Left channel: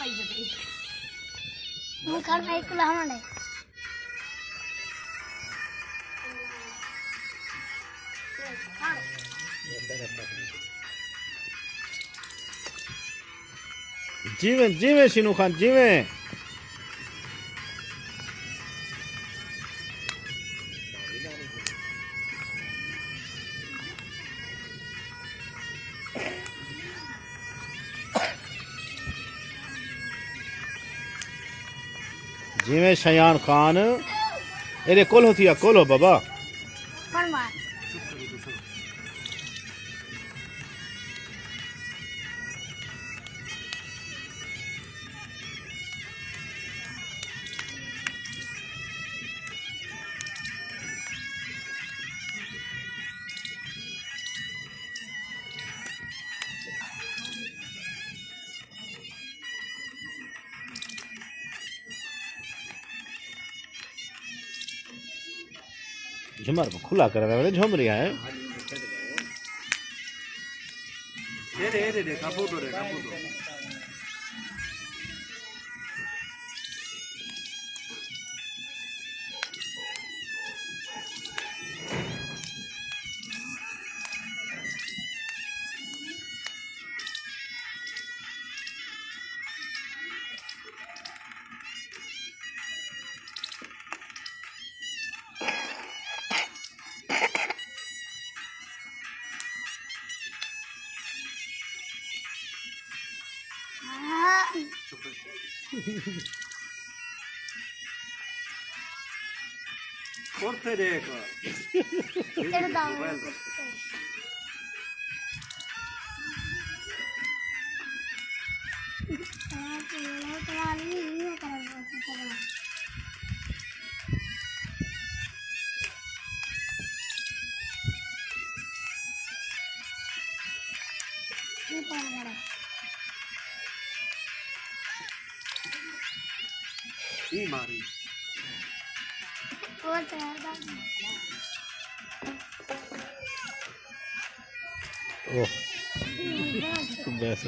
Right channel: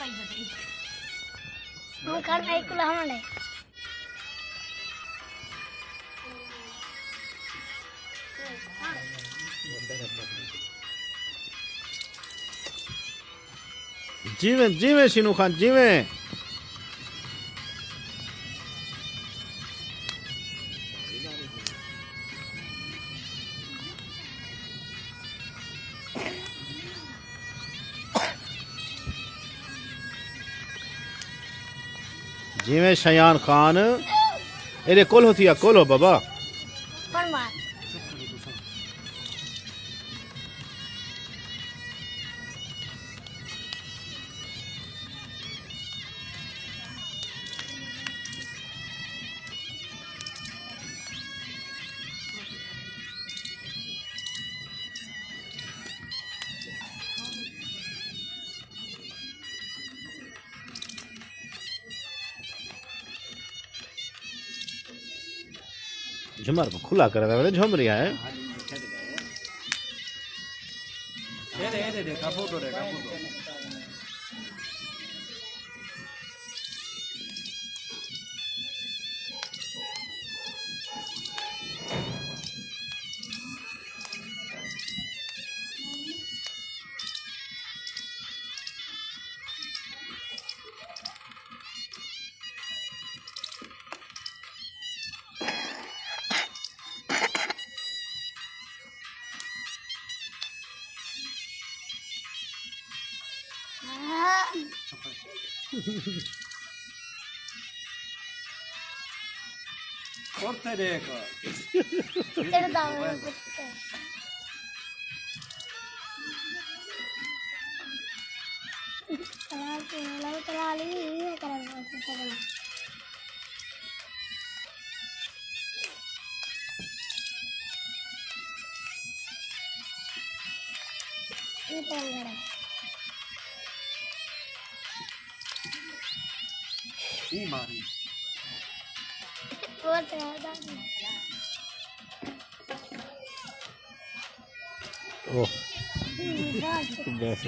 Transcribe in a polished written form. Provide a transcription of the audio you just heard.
पाई बदे हम कर एक लावण है जिवें जिवें सीनू खान जिवें जिवें शयान खान एरे कोलो थिया कोलो बाबा पर मार झुमर को खुला कर दे झुम रिया है दे काबू तो रे काबू तो Porte देखो तेरे दाव करा ली ये करा ये करा ये मारी और तेरा ओह बस